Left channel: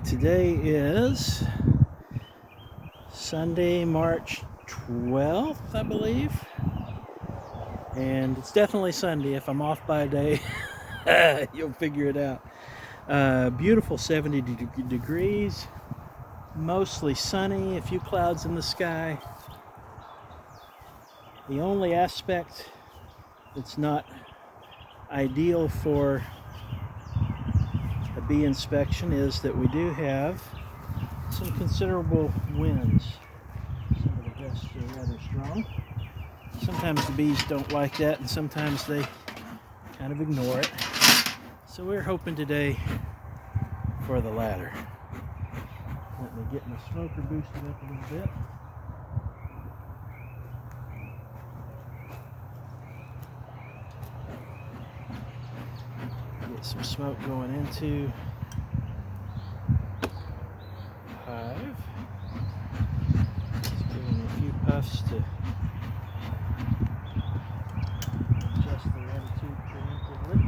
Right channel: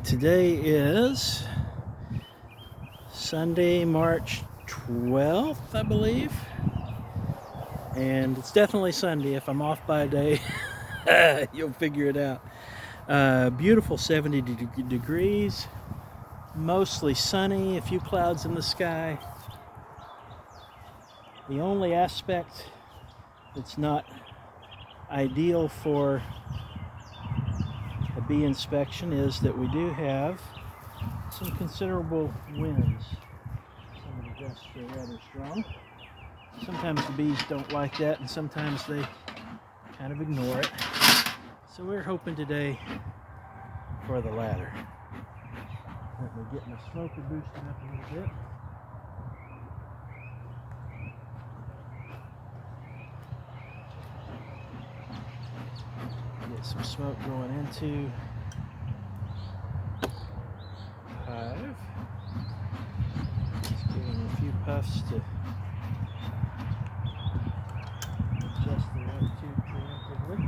right, today is Sunday, March 12th, I believe. And it's definitely Sunday. If I'm off by a day, you'll figure it out. Beautiful 70 degrees, mostly sunny, a few clouds in the sky. The only aspect that's not ideal for a bee inspection is that we do have some considerable winds. Some of the gusts are rather strong. Sometimes the bees don't like that, and sometimes they kind of ignore it. So we're hoping today for the latter. Let me get my smoker boosted up a little bit. Get some smoke going into the hive. Just giving a few puffs to adjust the attitude preemptively.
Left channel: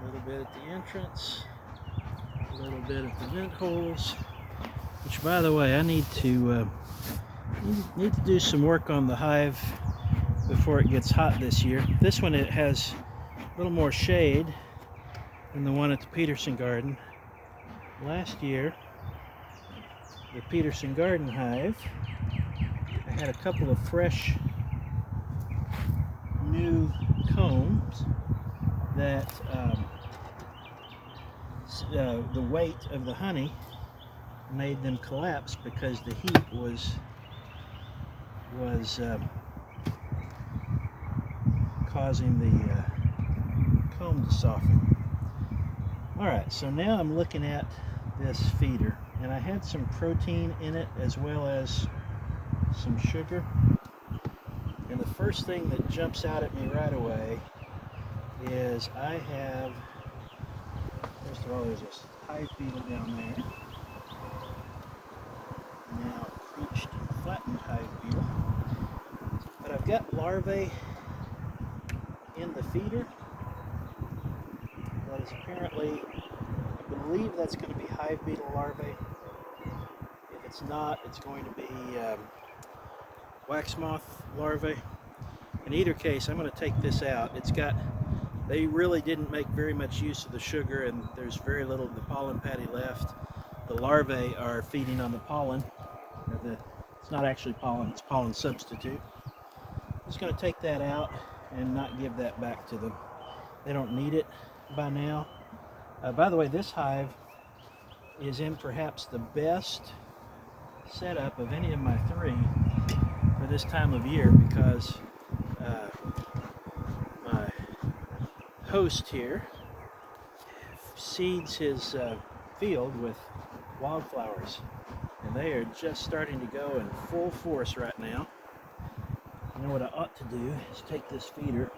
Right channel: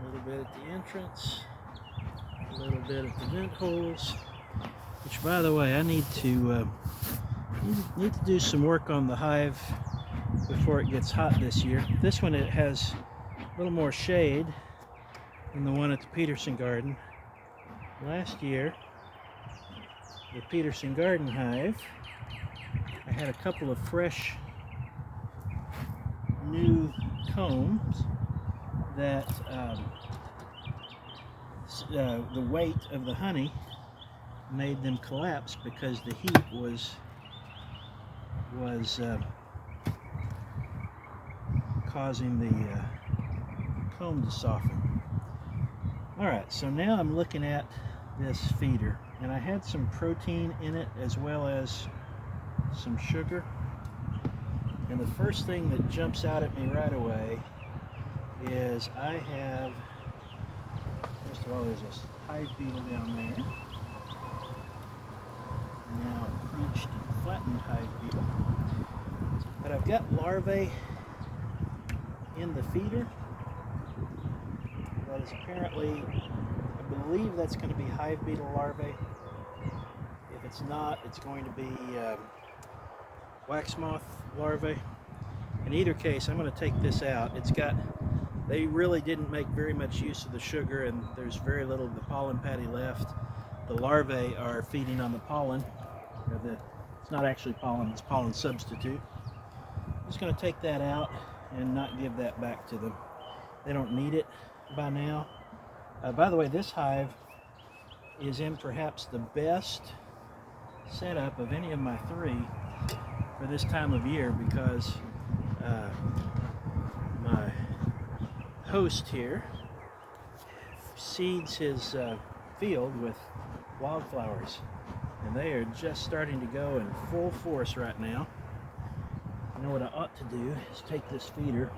A little bit at the entrance, a little bit at the vent holes, which, by the way, I need to do some work on the hive before it gets hot this year. This one, it has a little more shade than the one at the Peterson garden. Last year, the Peterson garden hive, I had a couple of fresh new combs that the weight of the honey made them collapse because the heat was causing the comb to soften. Alright, so now I'm looking at this feeder, and I had some protein in it as well as some sugar. And the first thing that jumps out at me right away is I have, first of all, there's a hive beetle down there. Now a crunched and flattened hive beetle. But I've got larvae in the feeder. That is apparently, I believe that's going to be hive beetle larvae. If it's not, it's going to be wax moth larvae. In either case, I'm going to take this out. They really didn't make very much use of the sugar, and there's very little of the pollen patty left. The larvae are feeding on the pollen. It's not actually pollen, it's pollen substitute. I'm just going to take that out and not give that back to them. They don't need it by now. By the way, this hive is in perhaps the best setup of any of my three for this time of year, because my host here seeds his field with wildflowers, and they are just starting to go in full force right now. You know what I ought to do is take this feeder,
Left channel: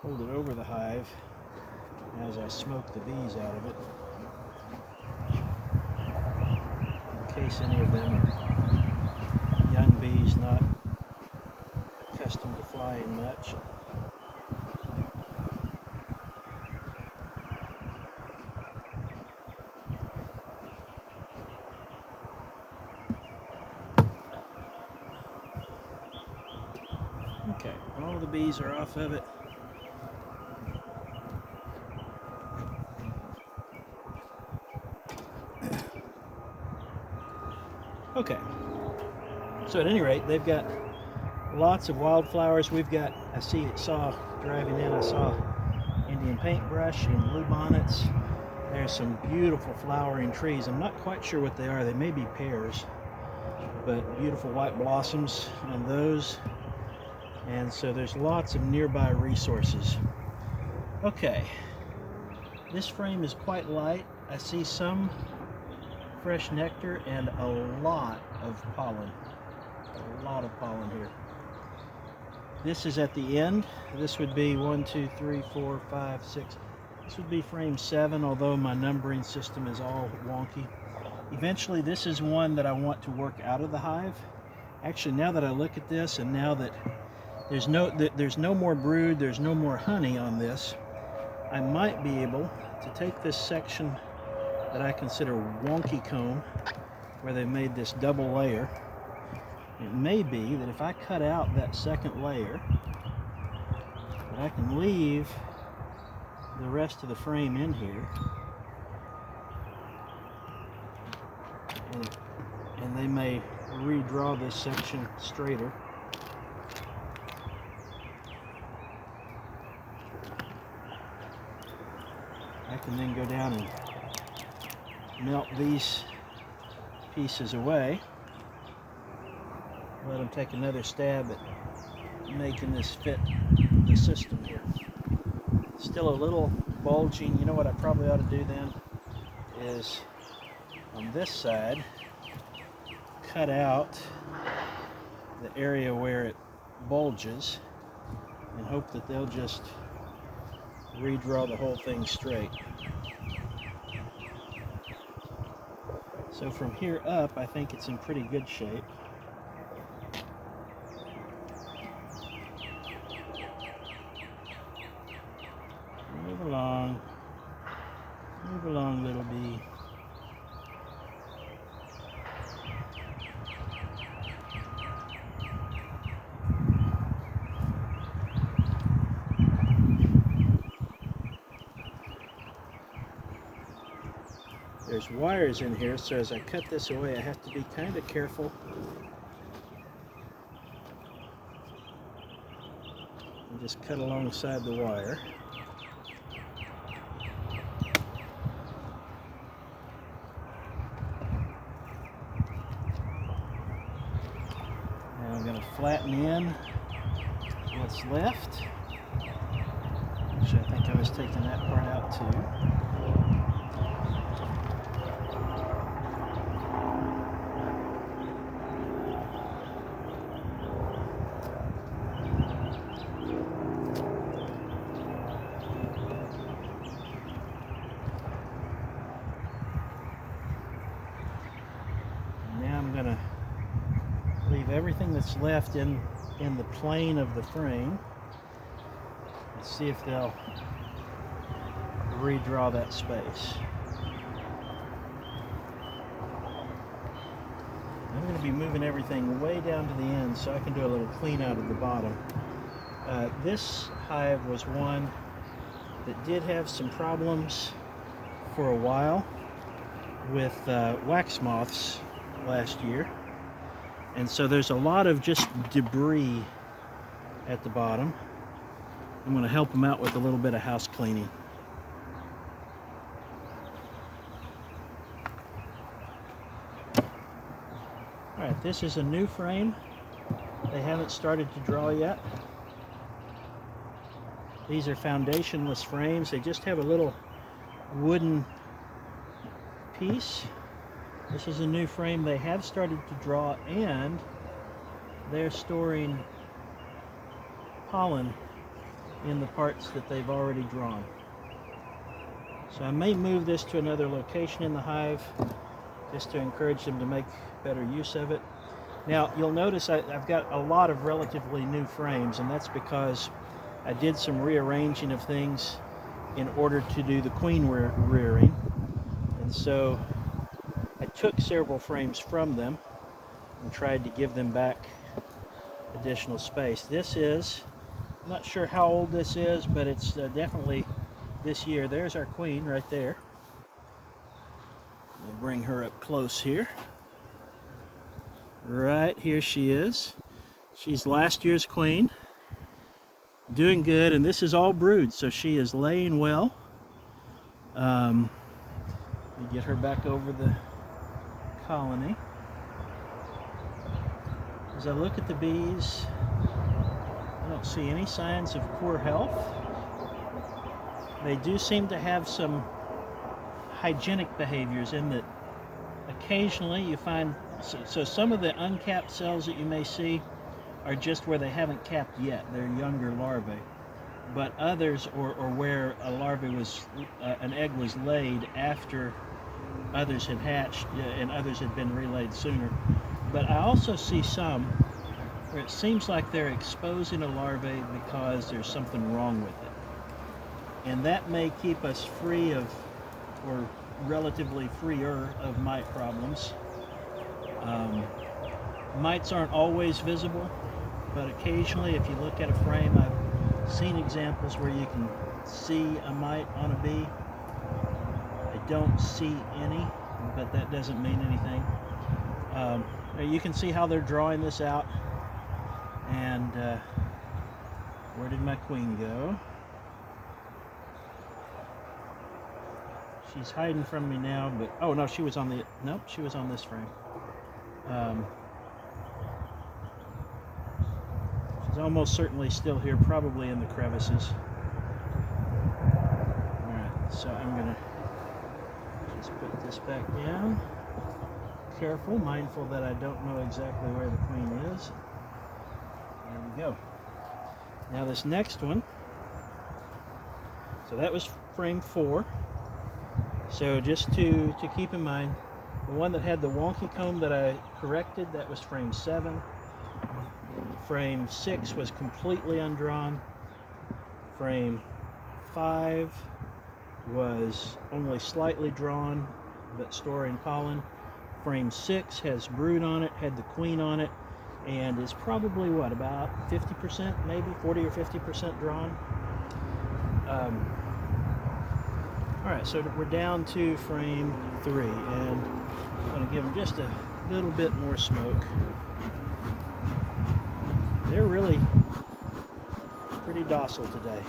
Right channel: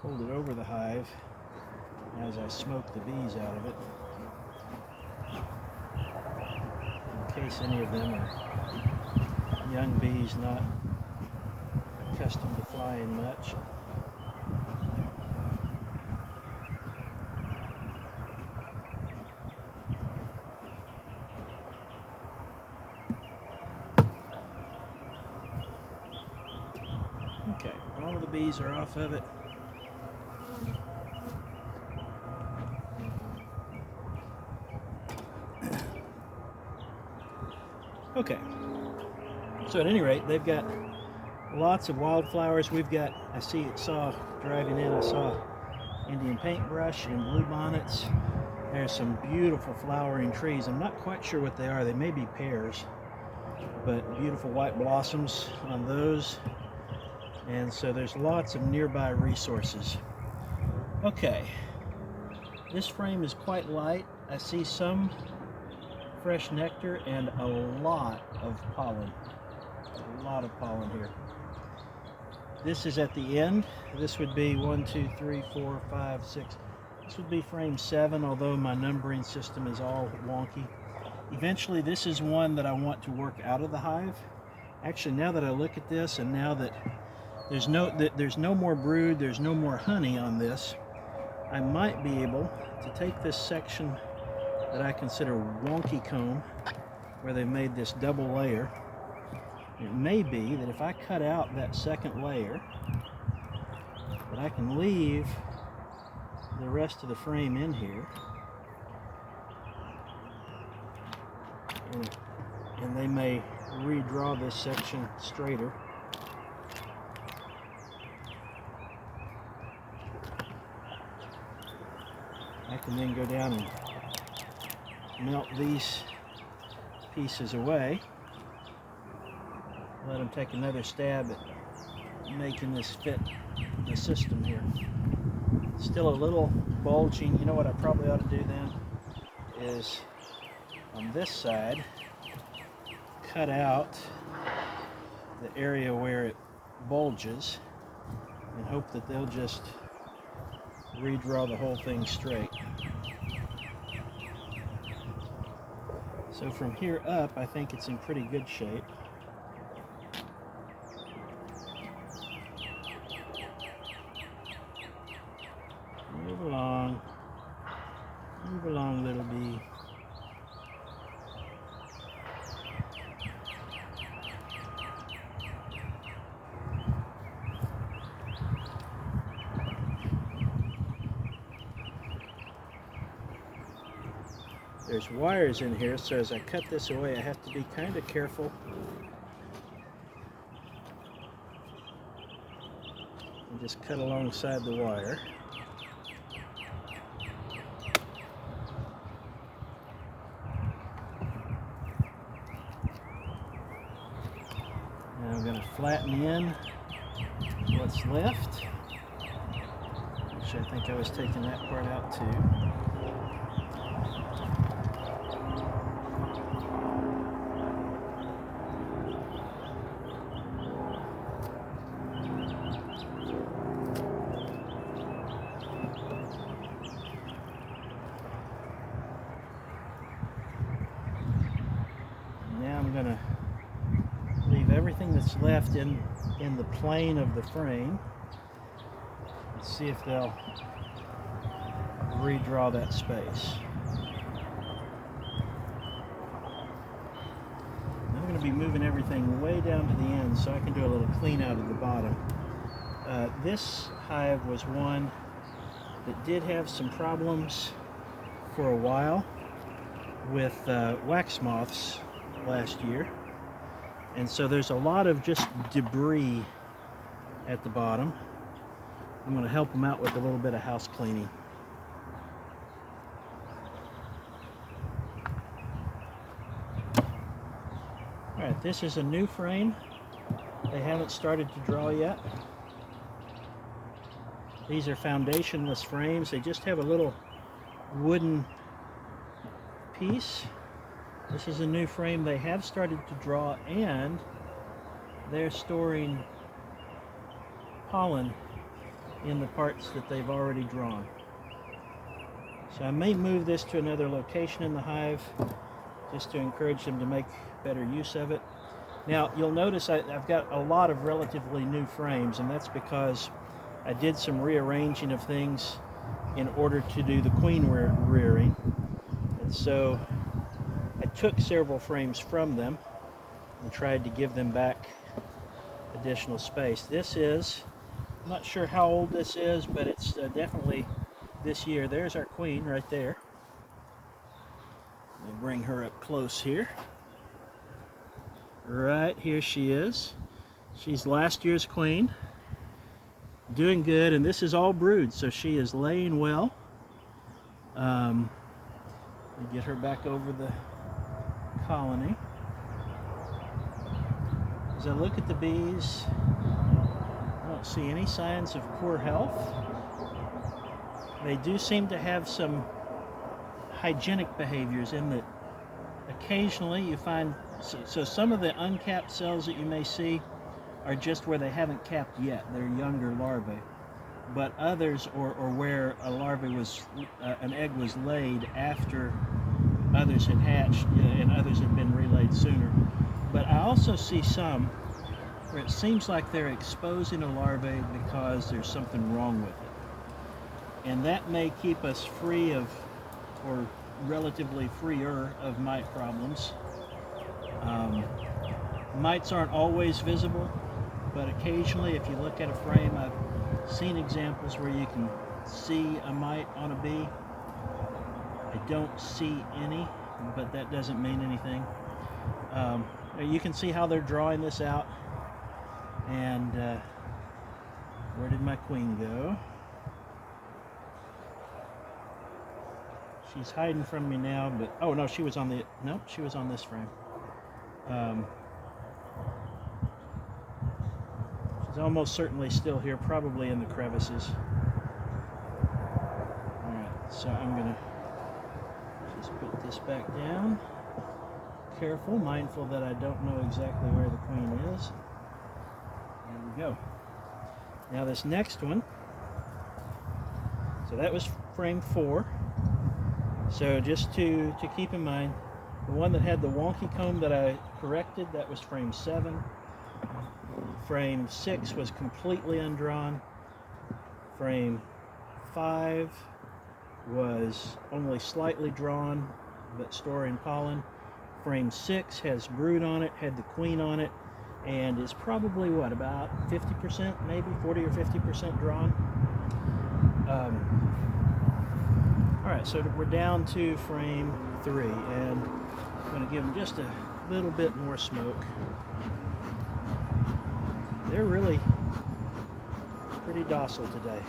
hold it over the hive as I smoke the bees out of it, in case any of them are young bees not accustomed to flying much. Okay, all of the bees are off of it. Okay, so at any rate, they've got lots of wildflowers. Saw driving in, I saw Indian paintbrush and blue bonnets. There's some beautiful flowering trees. I'm not quite sure what they are. They may be pears, but beautiful white blossoms on those. And so there's lots of nearby resources. Okay, this frame is quite light. I see some fresh nectar and a lot of pollen. A lot of pollen here. This is at the end. This would be 1, 2, 3, 4, 5, 6. This would be frame 7, although my numbering system is all wonky. Eventually, this is one that I want to work out of the hive. Actually, now that I look at this, and now that there's no more brood, there's no more honey on this, I might be able to take this section that I consider wonky comb, where they've made this double layer. It may be that if I cut out that second layer, that I can leave the rest of the frame in here, and they may redraw this section straighter. I can then go down and melt these pieces away. Let them take another stab at making this fit the system here. Still a little bulging. You know what I probably ought to do then is on this side cut out the area where it bulges and hope that they'll just redraw the whole thing straight. So from here up, I think it's in pretty good shape. Move along, little bee. There's wires in here, so as I cut this away, I have to be kind of careful. And just cut alongside the wire. Now I'm going to flatten in what's left, which I think I was taking that part out too. I'm going to leave everything that's left in the plane of the frame and see if they'll redraw that space. I'm going to be moving everything way down to the end so I can do a little clean out at the bottom. This hive was one that did have some problems for a while with wax moths last year, and so there's a lot of just debris at the bottom. I'm going to help them out with a little bit of house cleaning. Alright, this is a new frame. They haven't started to draw yet. These are foundationless frames. They just have a little wooden piece. This is a new frame. They have started to draw, and they're storing pollen in the parts that they've already drawn. So I may move this to another location in the hive just to encourage them to make better use of it. Now you'll notice I've got a lot of relatively new frames, and that's because I did some rearranging of things in order to do the queen rearing, and so I took several frames from them and tried to give them back additional space. This is, I'm not sure how old this is, but it's definitely this year. There's our queen right there. We'll bring her up close here. Right here she is. She's last year's queen. Doing good, and this is all brood, so she is laying well. We get her back over the colony. As I look at the bees, I don't see any signs of poor health. They do seem to have some hygienic behaviors in that occasionally you find, so some of the uncapped cells that you may see are just where they haven't capped yet. They're younger larvae. But others, or where a larvae was, an egg was laid after others had hatched and others had been relayed sooner. But I also see some where it seems like they're exposing a larvae because there's something wrong with it. And that may keep us free of, or relatively freer of, mite problems. Mites aren't always visible, but occasionally if you look at a frame, I've seen examples where you can see a mite on a bee. I don't see any, but that doesn't mean anything. You can see how they're drawing this out. And where did my queen go? She's hiding from me now, but oh no, she was on the, nope, she was on this frame. She's almost certainly still here, probably in the crevices. Alright, so I'm gonna just put this back down. Careful, mindful that I don't know exactly where the queen is. There we go. Now this next one, so that was frame 4. So just to keep in mind, the one that had the wonky comb that I corrected, that was frame 7. Frame 6 was completely undrawn. Frame 5 was only slightly drawn, but storing pollen. Frame 6 has brood on it, had the queen on it, and is probably, what, about 50%, maybe 40 or 50% drawn. All right, so we're down to frame 3, and I'm going to give them just a little bit more smoke. They're really pretty docile today.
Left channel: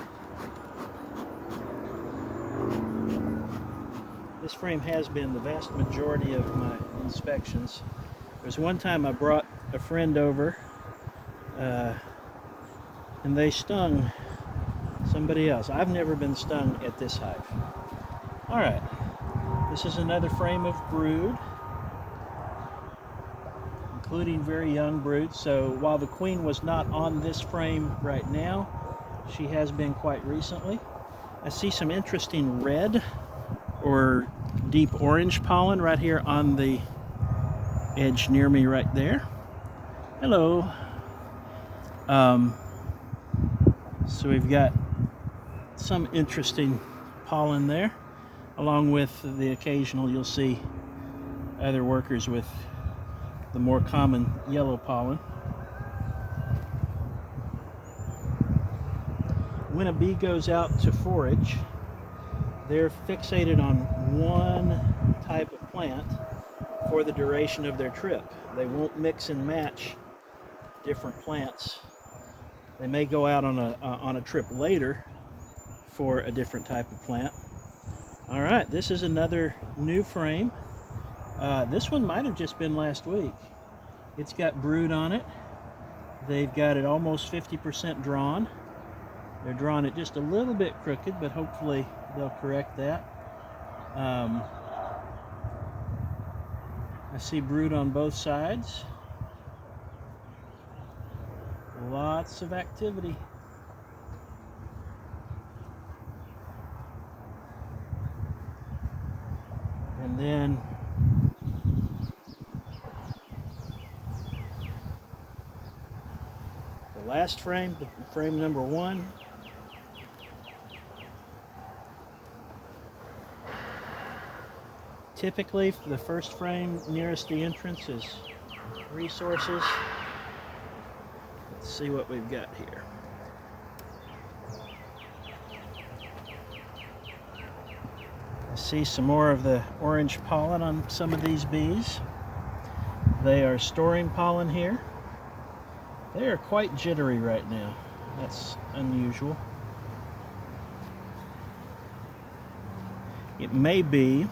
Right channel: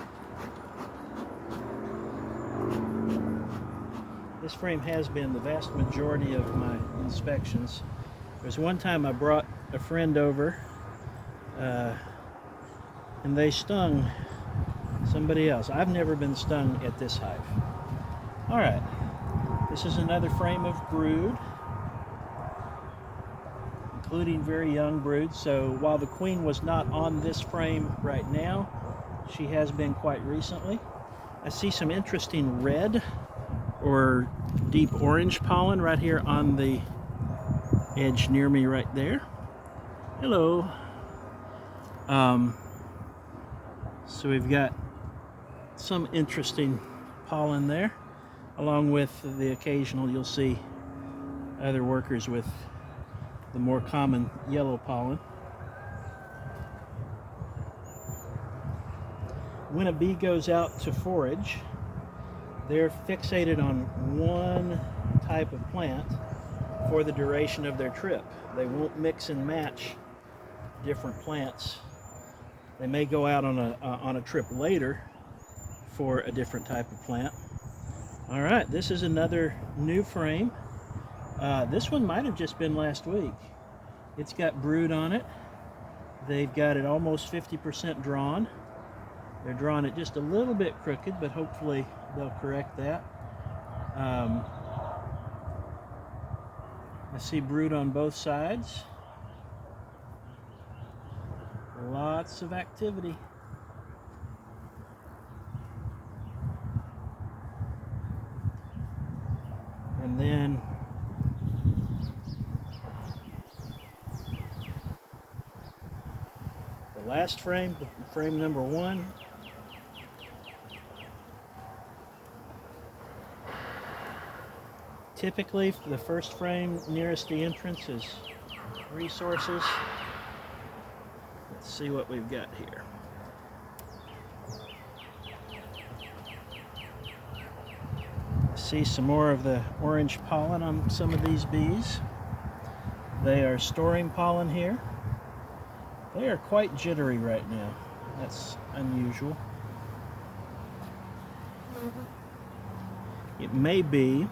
This frame has been the vast majority of my inspections. There's one time I brought a friend over and they stung somebody else. I've never been stung at this hive. All right, this is another frame of brood, including very young brood. So while the queen was not on this frame right now, she has been quite recently. I see some interesting red or deep orange pollen right here on the edge near me right there. Hello. So we've got some interesting pollen there, along with the occasional, you'll see other workers with the more common yellow pollen. When a bee goes out to forage, they're fixated on one type of plant for the duration of their trip. They won't mix and match different plants. They may go out on a trip later for a different type of plant. All right, this is another new frame. This one might have just been last week. It's got brood on it. They've got it almost 50% drawn. They're drawing it just a little bit crooked, but hopefully they'll correct that. I see brood on both sides. Lots of activity. And then the last frame, frame number 1. Typically, the first frame nearest the entrance is resources. Let's see what we've got here. I see some more of the orange pollen on some of these bees. They are storing pollen here. They are quite jittery right now. That's unusual. It may be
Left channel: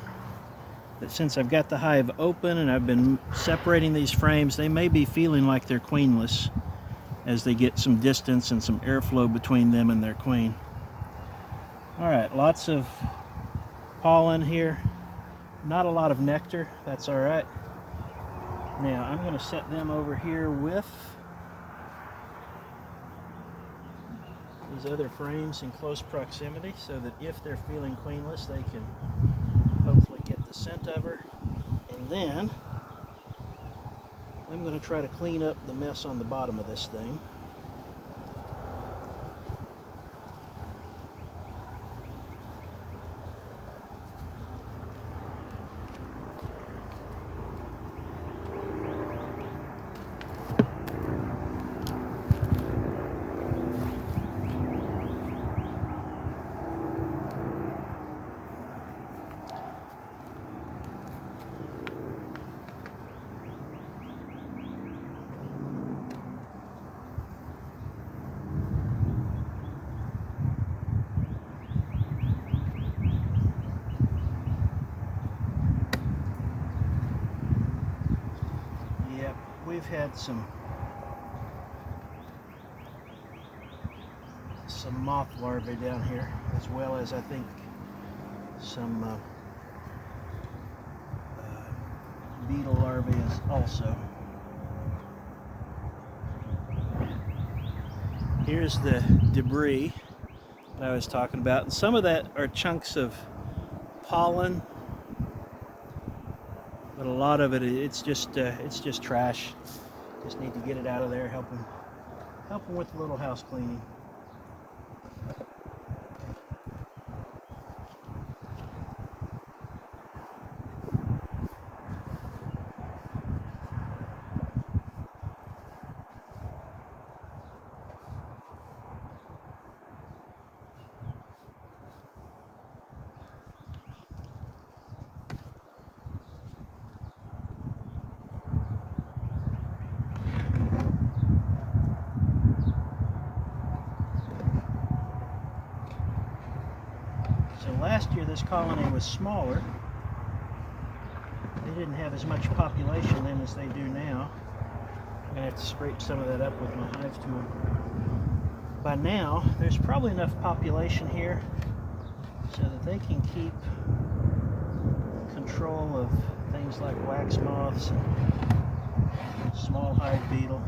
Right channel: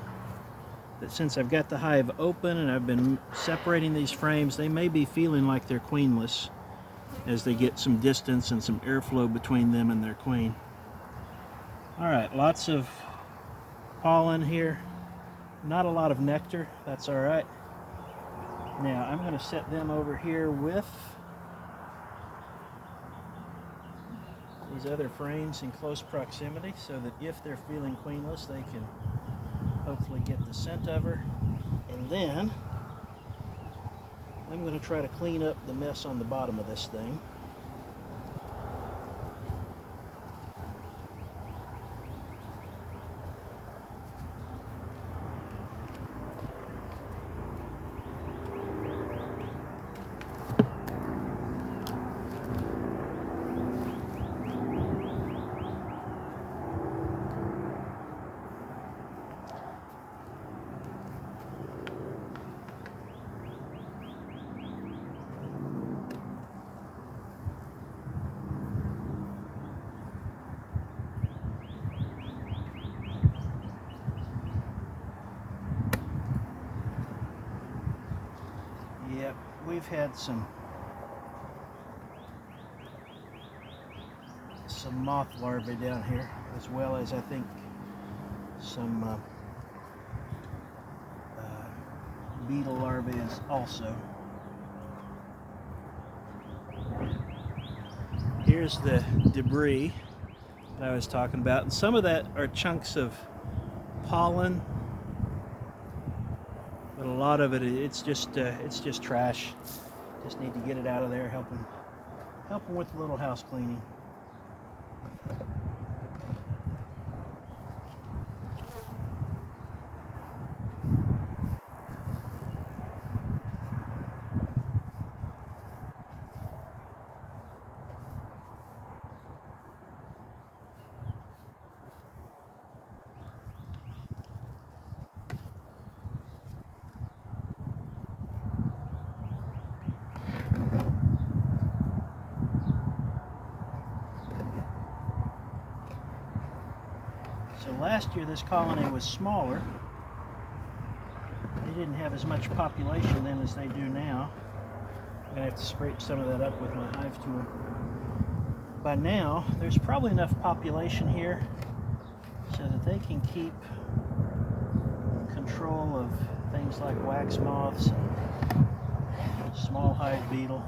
that since I've got the hive open and I've been separating these frames, they may be feeling like they're queenless as they get some distance and some airflow between them and their queen. All right, lots of pollen here. Not a lot of nectar, that's all right. Now I'm going to set them over here with these other frames in close proximity so that if they're feeling queenless, they can hopefully get the scent of her. And then I'm going to try to clean up the mess on the bottom of this thing. Yep, we've had some moth larvae down here, as well as I think some beetle larvae is also. Here's the debris that I was talking about, and some of that are chunks of pollen, but a lot of it's just trash. Just need to get it out of there. Help them with a little house cleaning. So last year this colony was smaller. They didn't have as much population then as they do now. I'm going to have to scrape some of that up with my Hive tool. By now, there's probably enough population here so that they can keep control of things like wax moths and small hive beetle.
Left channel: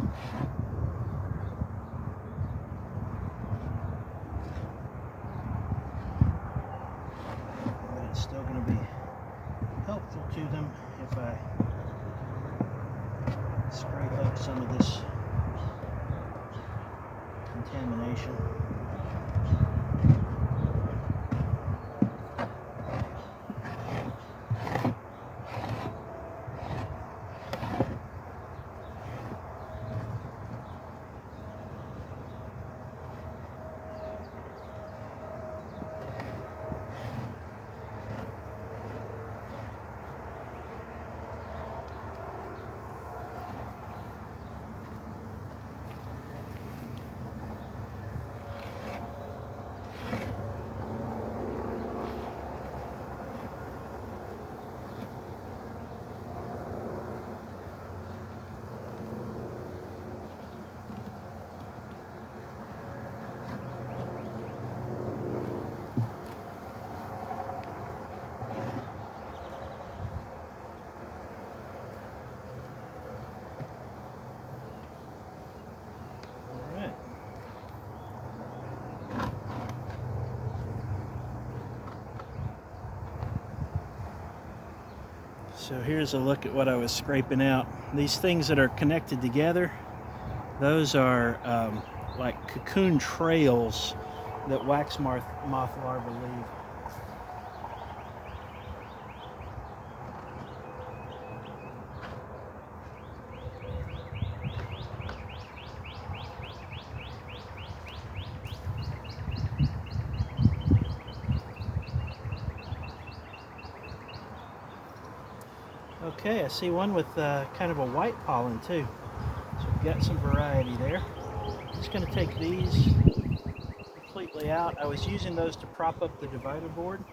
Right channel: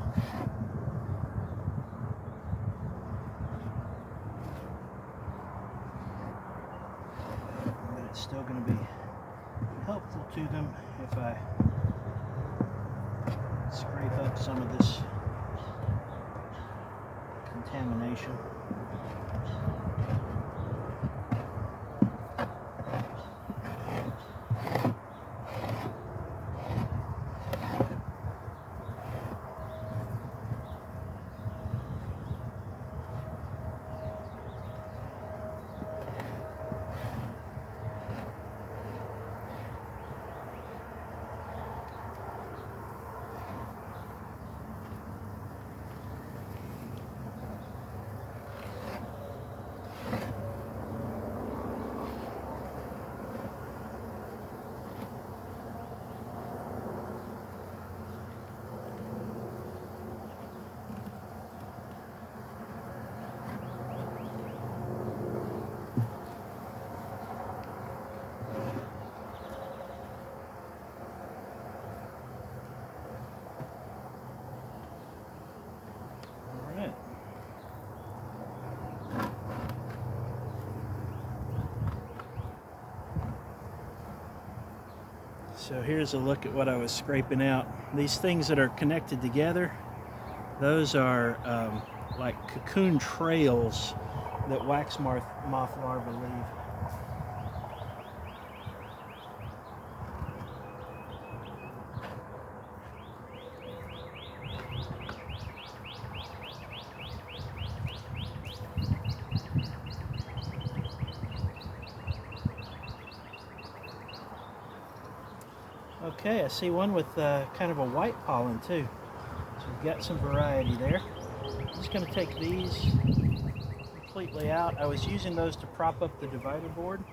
But it's still going to be helpful to them if I scrape up some of this contamination. So here's a look at what I was scraping out. These things that are connected together, those are like cocoon trails that wax moth larvae leave. Okay, I see one with kind of a white pollen too. So we've got some variety there. I'm just going to take these completely out. I was using those to prop up the divider board,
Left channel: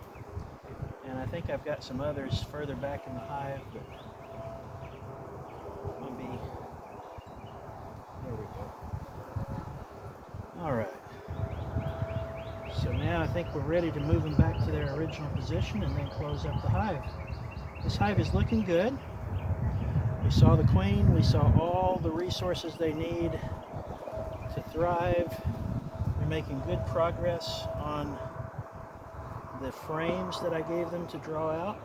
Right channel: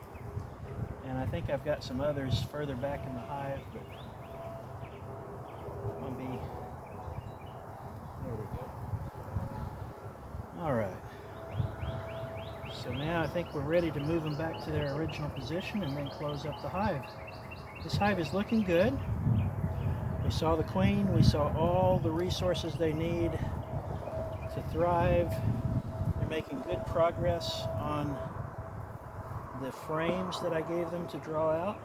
and I think I've got some others further back in the hive, but I'll be, there we go. All right. So now I think we're ready to move them back to their original position and then close up the hive. This hive is looking good. We saw the queen, we saw all the resources they need to thrive. They're making good progress on the frames that I gave them to draw out.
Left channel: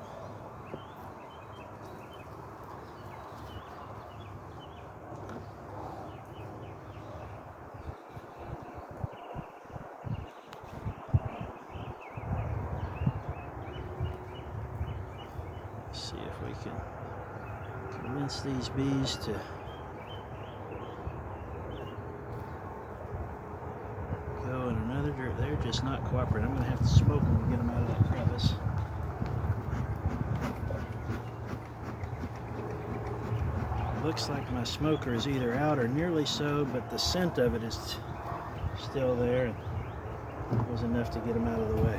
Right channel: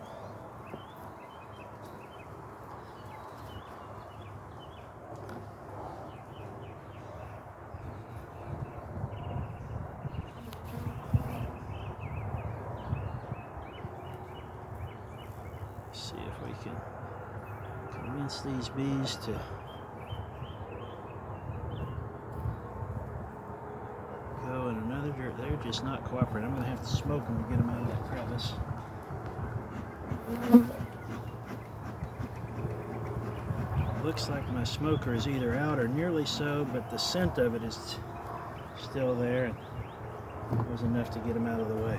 See if we can convince these bees to go in another direction. They're just not cooperating. I'm going to have to smoke them to get them out of that crevice. Looks like my smoker is either out or nearly so, but the scent of it is still there, and it was enough to get them out of the way.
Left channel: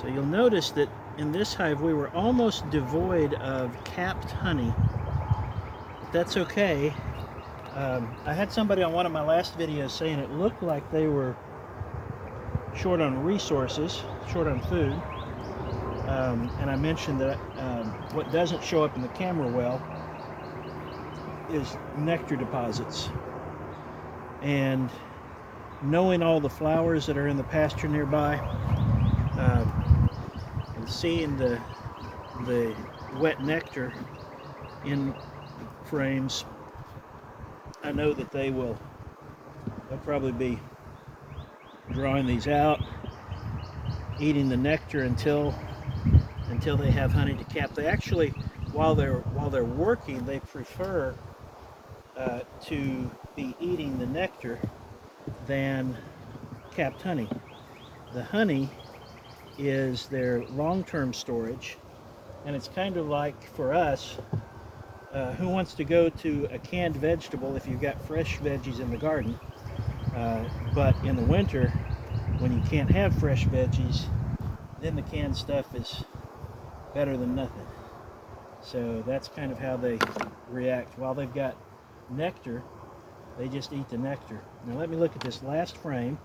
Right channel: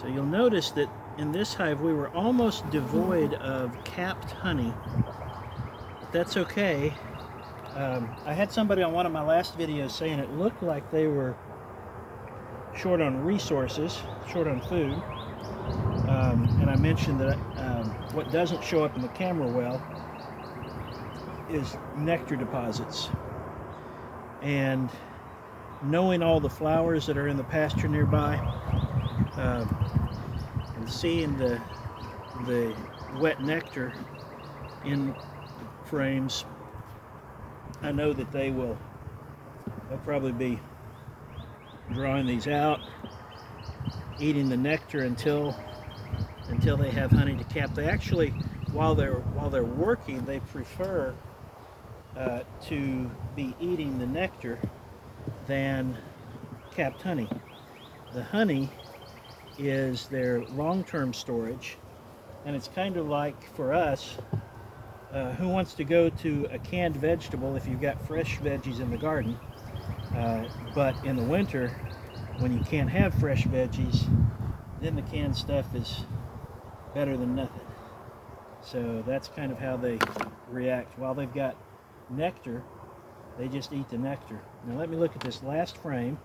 So you'll notice that in this hive we were almost devoid of capped honey. But that's okay. I had somebody on one of my last videos saying it looked like they were short on resources, short on food. And I mentioned that what doesn't show up in the camera well is nectar deposits. And knowing all the flowers that are in the pasture nearby, and seeing the wet nectar in frames, I know that they'll probably be drawing these out, eating the nectar until they have honey to cap. They actually, while they're working, they prefer to be eating the nectar than capped honey. The honey is their long-term storage, and it's kind of like for us, who wants to go to a canned vegetable if you've got fresh veggies in the garden, but in the winter when you can't have fresh veggies, then the canned stuff is better than nothing. So that's kind of how they react. While they've got nectar, they just eat the nectar. Now let me look at this last frame,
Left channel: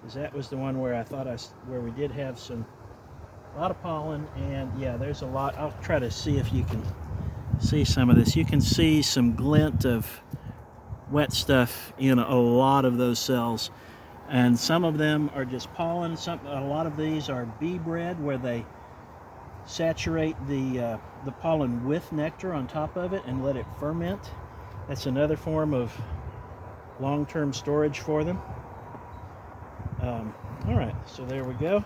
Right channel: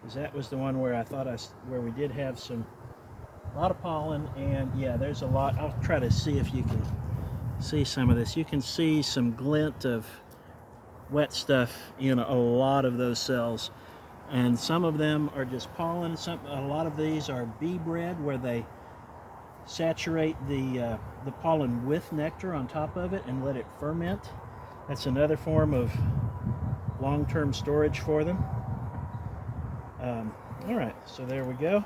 because that was the one where I thought where we did have a lot of pollen, and yeah, there's a lot. I'll try to see if you can see some of this. You can see some glint of wet stuff in a lot of those cells, and some of them are just pollen. A lot of these are bee bread, where they saturate the pollen with nectar on top of it and let it ferment. That's another form of long-term storage for them. All right, so there we go.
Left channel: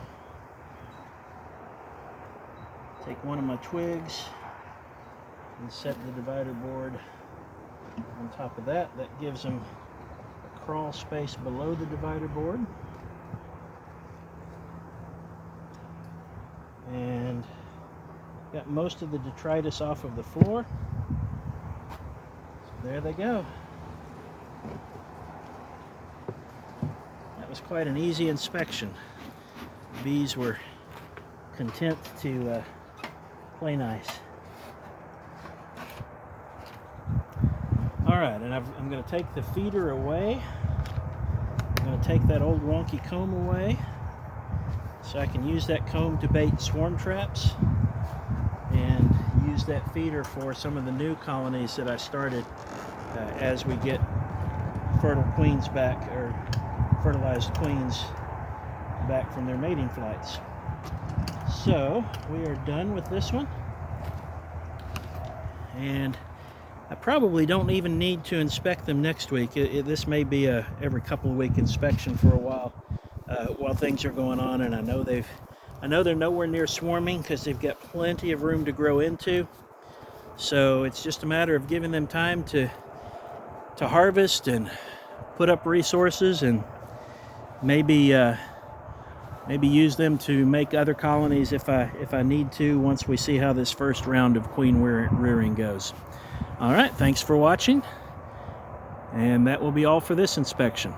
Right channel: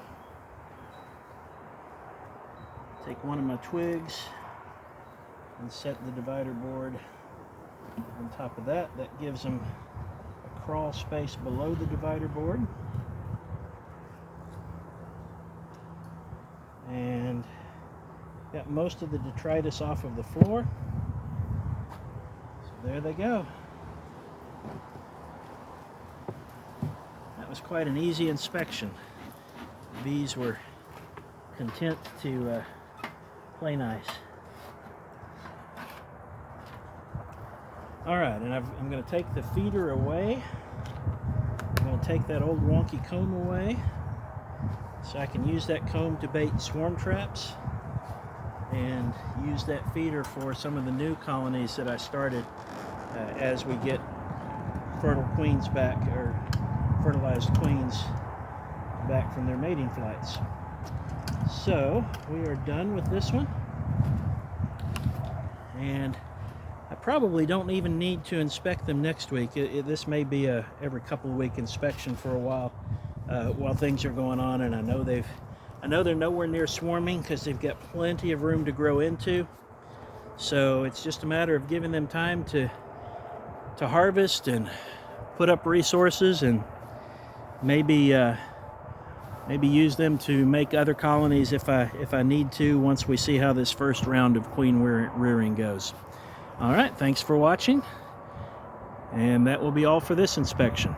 Take one of my twigs and set the divider board on top of that. That gives them a crawl space below the divider board. And got most of the detritus off of the floor. So there they go. That was quite an easy inspection. The bees were content to play nice. All right, and I'm going to take the feeder away. I'm going to take that old wonky comb away so I can use that comb to bait swarm traps, and use that feeder for some of the new colonies that I started as we get fertile queens back, or fertilized queens back from their mating flights. So we are done with this one, and I probably don't even need to inspect them next week. This may be a every couple of week inspection for a while things are going on, and I know they're nowhere near swarming because they've got plenty of room to grow into. So it's just a matter of giving them time to harvest and put up resources, and maybe use them to make other colonies if I need to, once we see how this first round of queen rearing goes. All right, thanks for watching, and that will be all for this inspection.